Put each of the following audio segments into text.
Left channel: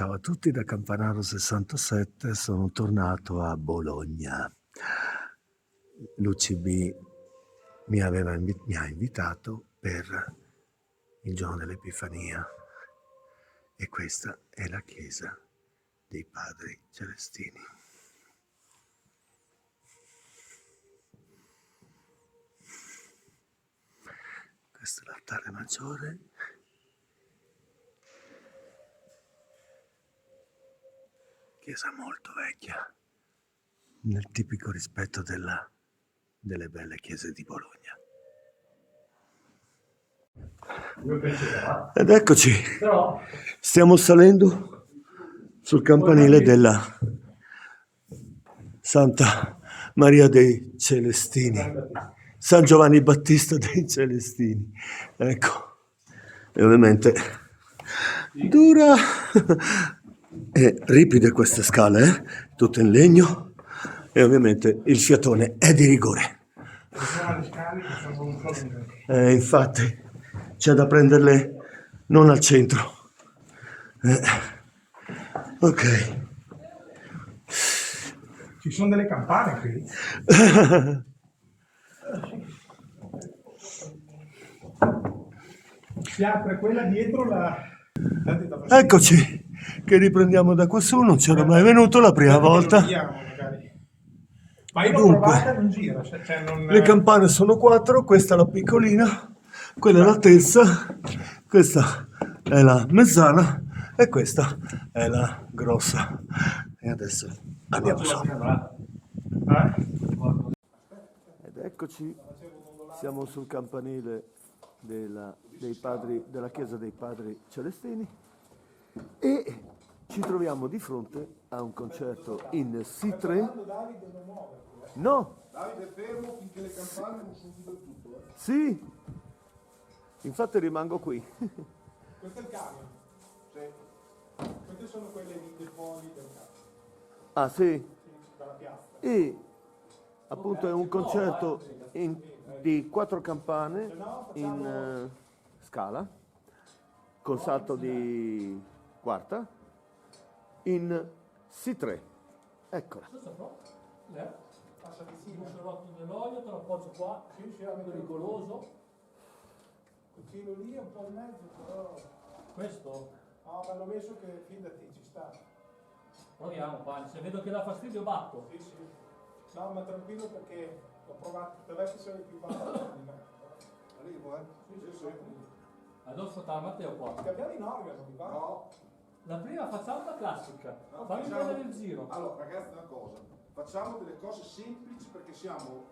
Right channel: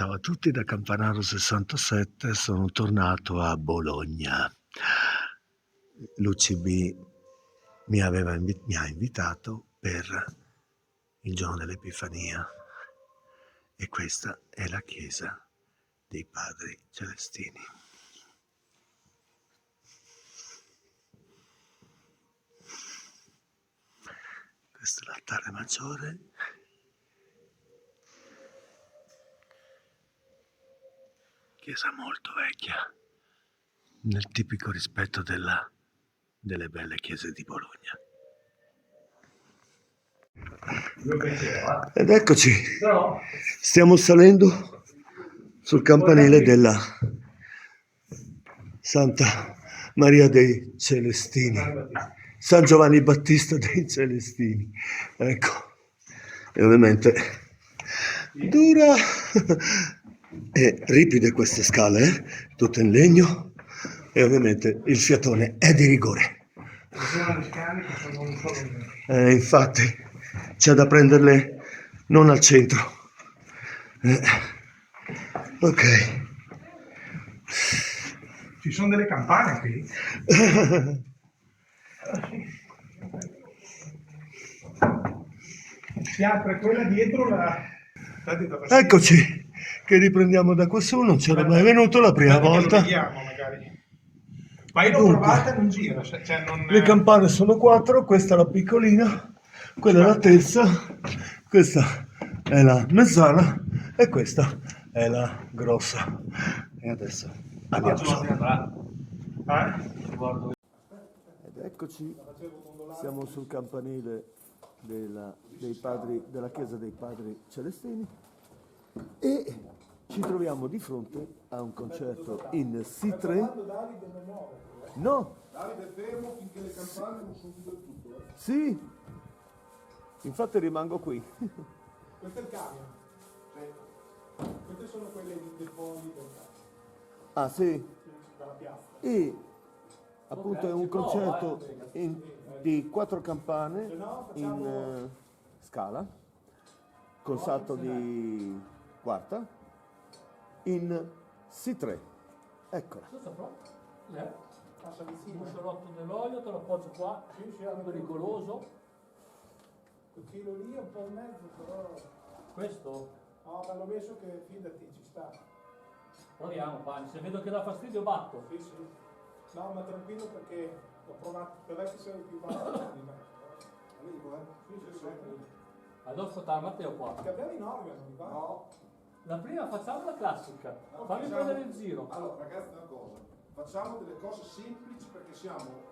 Ciao a tutti da Campanaro 67, sono tornato a Bologna. L'UCB mi ha invitato per il giorno dell'Epifania e questa è la chiesa dei Padri Celestini. Questo è l'altare maggiore. Chiesa molto vecchia, nel tipico rispetto delle belle chiese di Bologna. Ed eccoci, stiamo salendo sul campanile della Santa Maria dei Celestini, San Giovanni Battista dei Celestini. Ecco, e ovviamente dura e ripide queste scale, tutto in legno, e ovviamente il fiatone è di rigore. Infatti c'è da prenderle non al centro. Ok. Ci sono delle campane qui? Si apre quella dietro la... Eccoci, che riprendiamo da quassù, non c'era mai venuto la prima volta. Ma io l'ho provata, non gira. Cioè non... Le campane sono 4, questa è la piccolina, quella è la terza, questa è la mezzana e questa è la grossa. E adesso andiamo sopra. Ed eccoci, siamo sul campanile della chiesa dei Padri Celestini e ci troviamo di fronte a un concerto in Si3. No! Davide è fermo finché le campane non sono chiuse del tutto. Sì! Infatti rimango qui. Questo è il camion. Sì. Queste sono quelle dei fogli del camion. Ah sì? Dalla piazza. E appunto è un concerto di 4 campane in scala, con salto di quarta, in Si3. Eccola. Passa vicino il rotto dell'olio, te lo appoggio qua, è pericoloso. Quel chilo lì è un po' in mezzo, però... Questo? No, ma l'ho messo che fidati, ci sta. Proviamo, Pani, se vedo che dà fastidio batto. Sì, sì. No, ma tranquillo perché ho provato, per me che sei più basso. Arrivo, Sì, sì, sì. Allora ascoltare Matteo qua. Cambiamo in organo, non mi va? No. La prima facciamo la classica. No, Fammi facciamo- prendere il giro. Allora, ragazzi, una cosa. Facciamo delle cose semplici perché siamo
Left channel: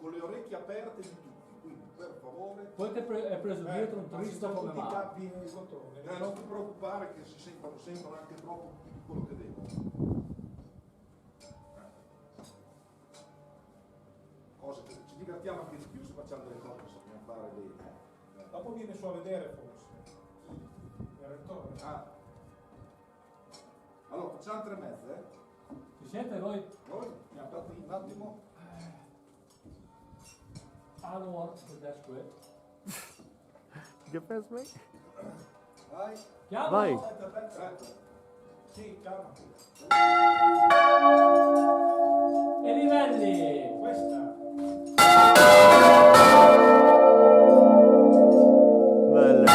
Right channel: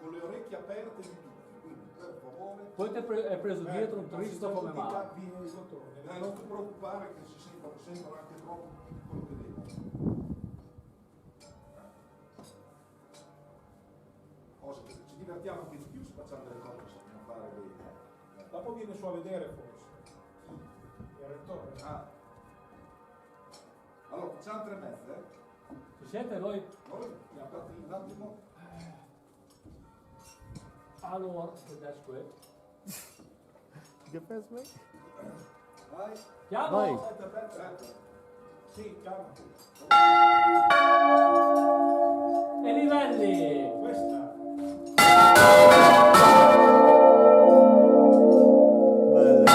con le orecchie aperte di tutti. Quindi, per favore, Poi ti è preso dietro un tristo come tutti i male. capi nei bottoni. non ti preoccupare che si sentono anche troppo di quello che devono. Cose che ci divertiamo anche di più se facciamo delle cose che sappiamo fare bene. Dopo viene su a vedere forse. Il rettore. Ah. Allora, facciamo 3 mezze. Si sente noi? Noi abbiamo fatto un attimo. Allora, that's great. Che pensi? Vai. Chiamo? Vai. Aspetta. Sì, calma. E livelli! Questa. Belle.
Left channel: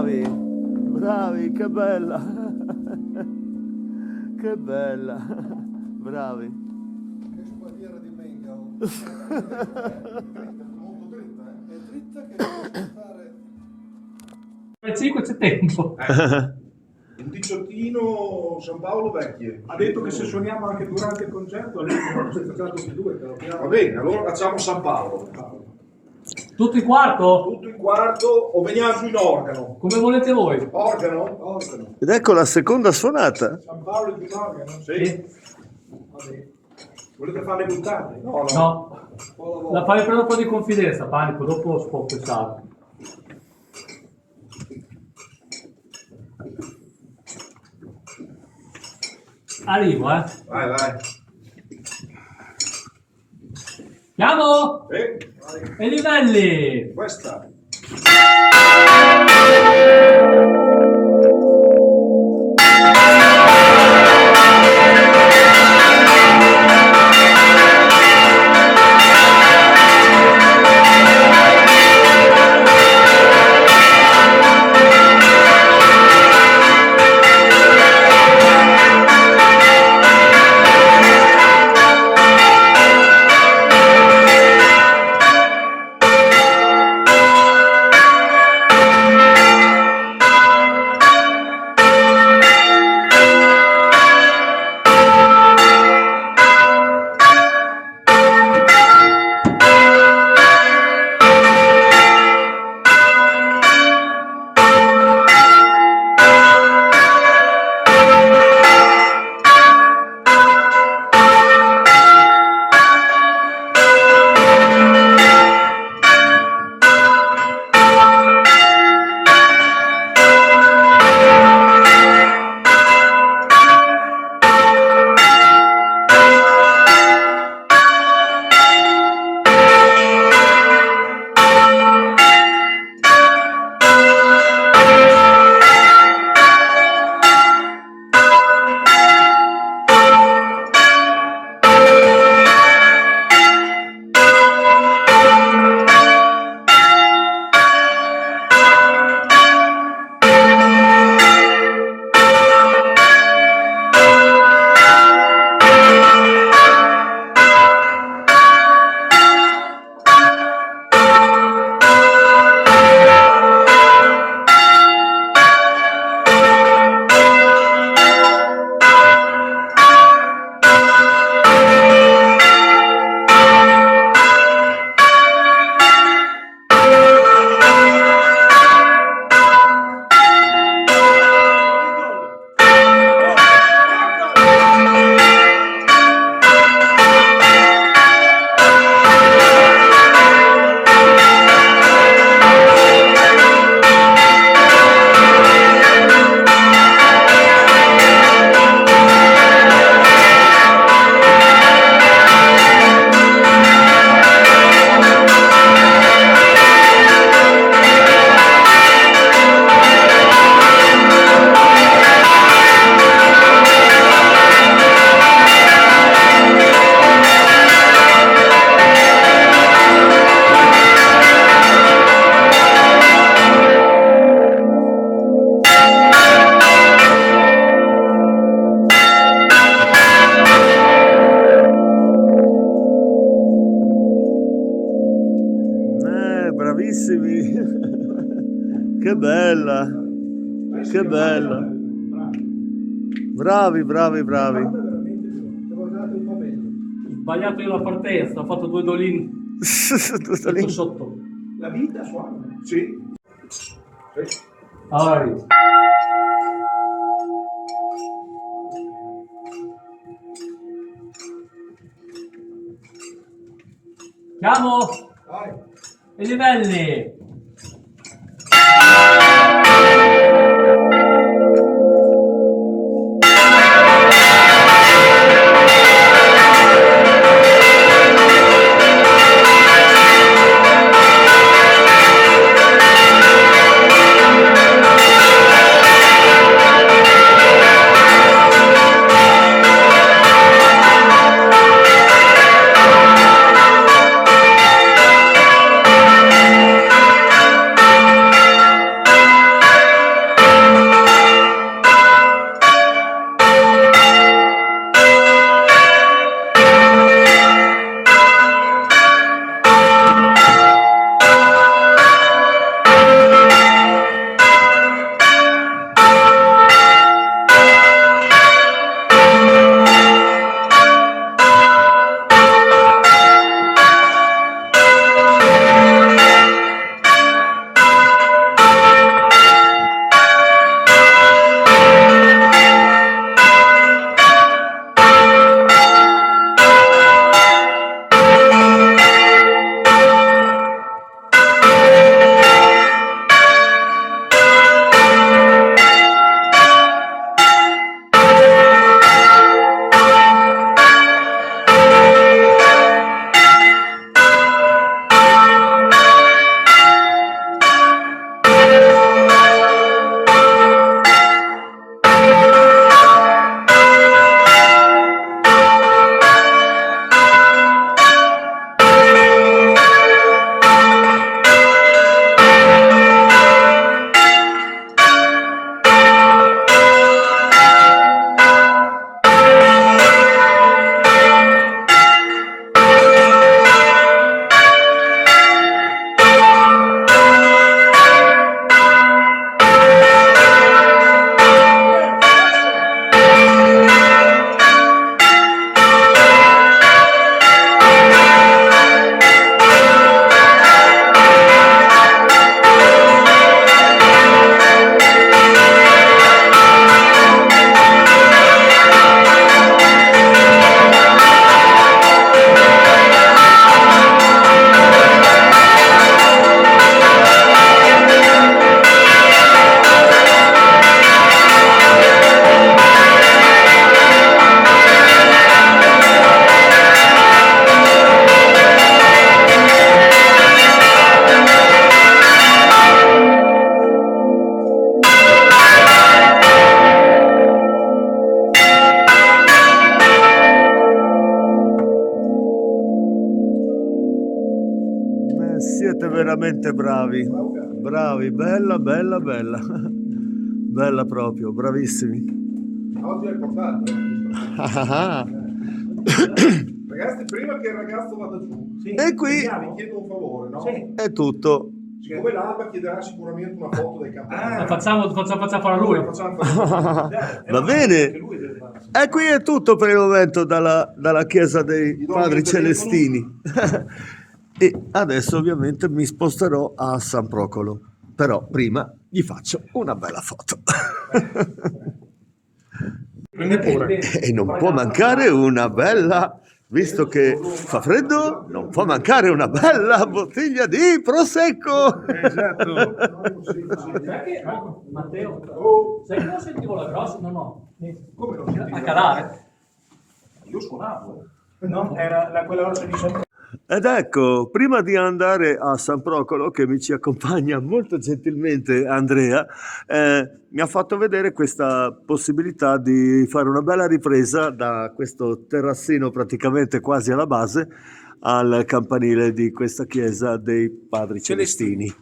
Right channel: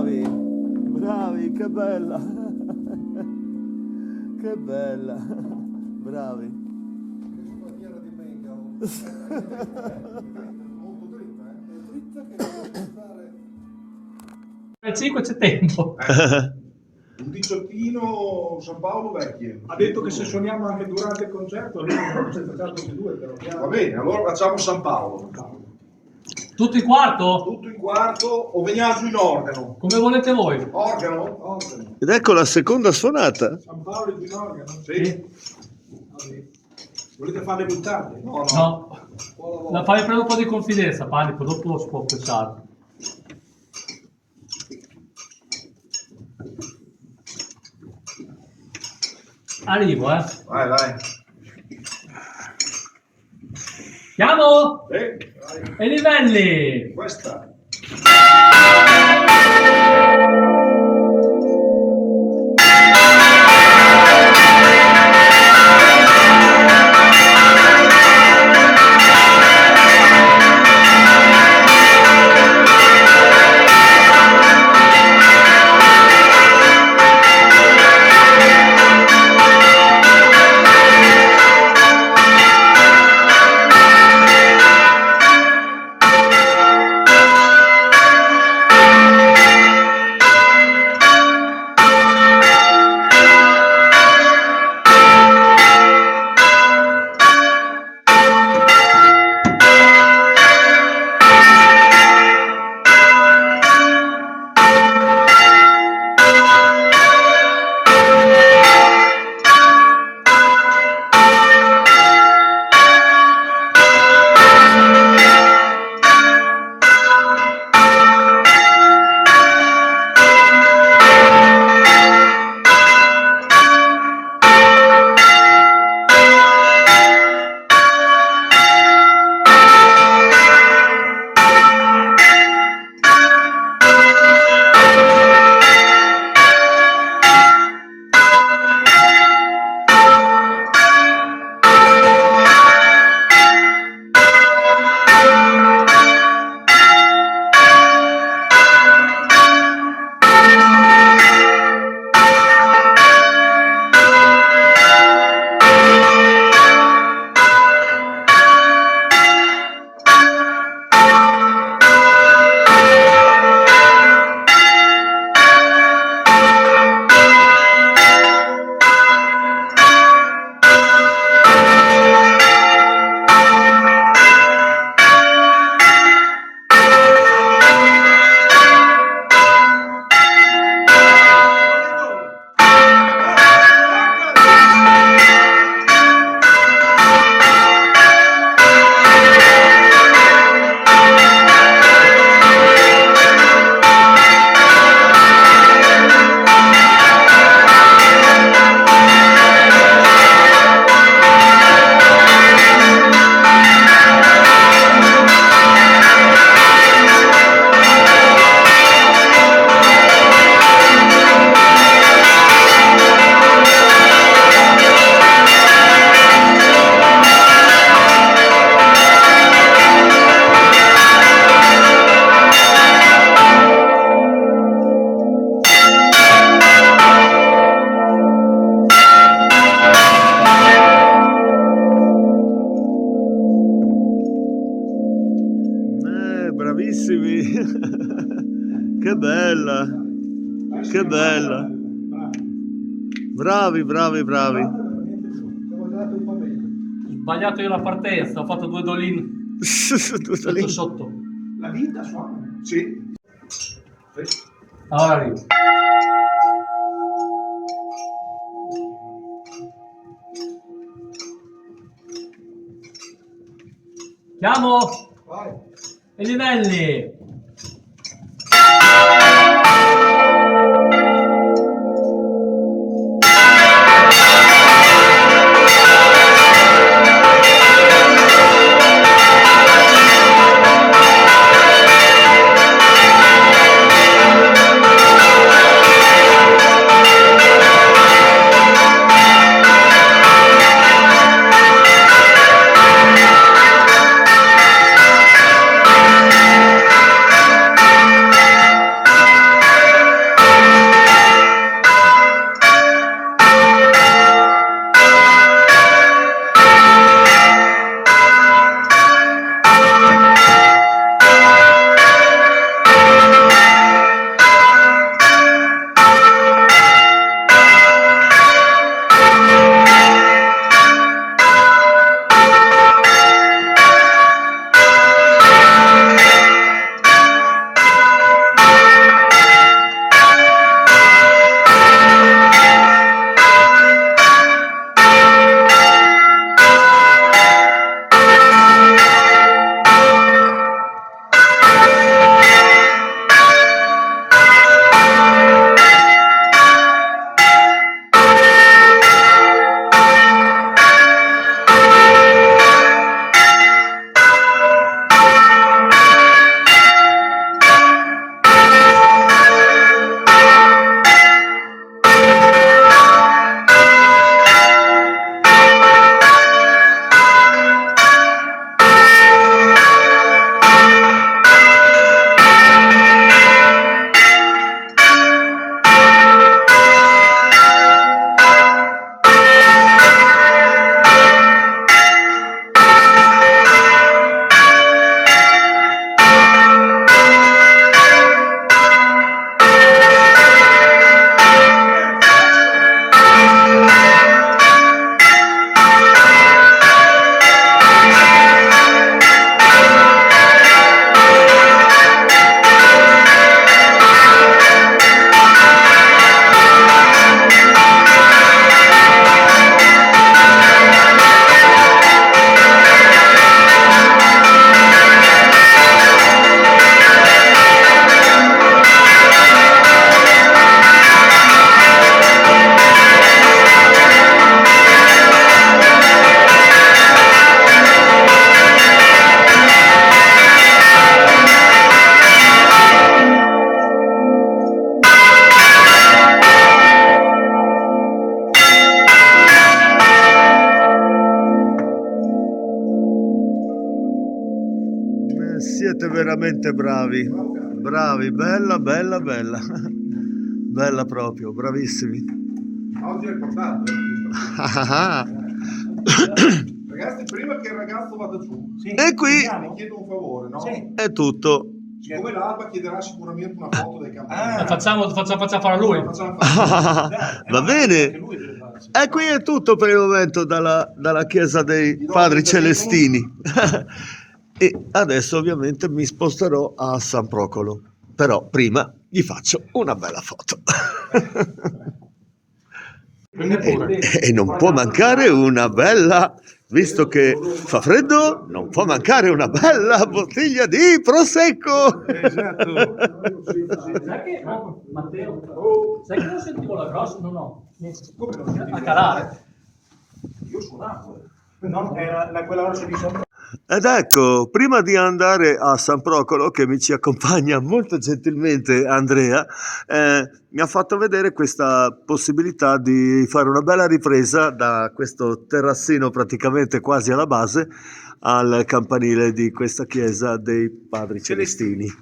bravi, bravi, che bella. Che bella, bravi. Che spadiera di Bengalo. Molto dritta, eh? È dritta che deve stare... Alle 5 c'è tempo. Un diciottino San Paolo vecchie. Ha detto che se suoniamo anche durante il concerto, lì non c'è stato tutti e due, però. Va bene, allora facciamo San Paolo. Tutto in quarto? Tutto in quarto o veniamo giù in organo? Come volete voi. Organo? Organo. Ed ecco la seconda suonata. San Paolo di organo? Sì. Vabbè. Volete farle buttate? No, no. No. La fai prendere un po' di confidenza, Panico, dopo si può pensare. Arrivo, Vai, vai. Chiamo! Vai. E livelli! Questa. Bravissimi. Che bella. Che bella. Bravi, bravi, bravi. Ho sbagliato io la partenza, ho fatto due dolini Tutto lì. sotto. La vita suona. Sì. Ora arrivo. Chiamo Vai. e livelli. veramente bravi. Bravi, bella, bella, bella. Bella proprio, bravissimi. Oggi è importante. Ragazzi, prima che il ragazzo vada giù, E qui vi chiedo un favore, no? è tutto. Siccome l'Alba chiederà sicuramente una foto dei campioni. La facciamo fare a lui. Facciamo fare. Va bene. E qui è tutto per il momento dalla chiesa dei Padri Celestini. E adesso ovviamente mi sposterò a San Procolo. Però prima gli faccio una bella foto. E non può mancare una bella, visto che fa freddo, non può mancare una bella bottiglia di prosecco. Esatto. Sai che, Matteo, sai che non sentivo la grossa? No. A calare. Io suonavo. No, era quella rossa di sopra. Ed ecco, prima di andare a San Procolo, che mi ci accompagna molto gentilmente Andrea, mi ha fatto vedere questa possibilità di fare una bella ripresa da questo terrazzino praticamente quasi alla base al campanile di questa chiesa dei Padri Celestini.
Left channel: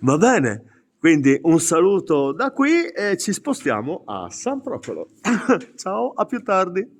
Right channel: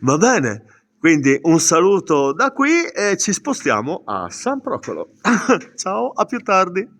Va bene, quindi un saluto da qui e ci spostiamo a San Procolo. Ciao, a più tardi.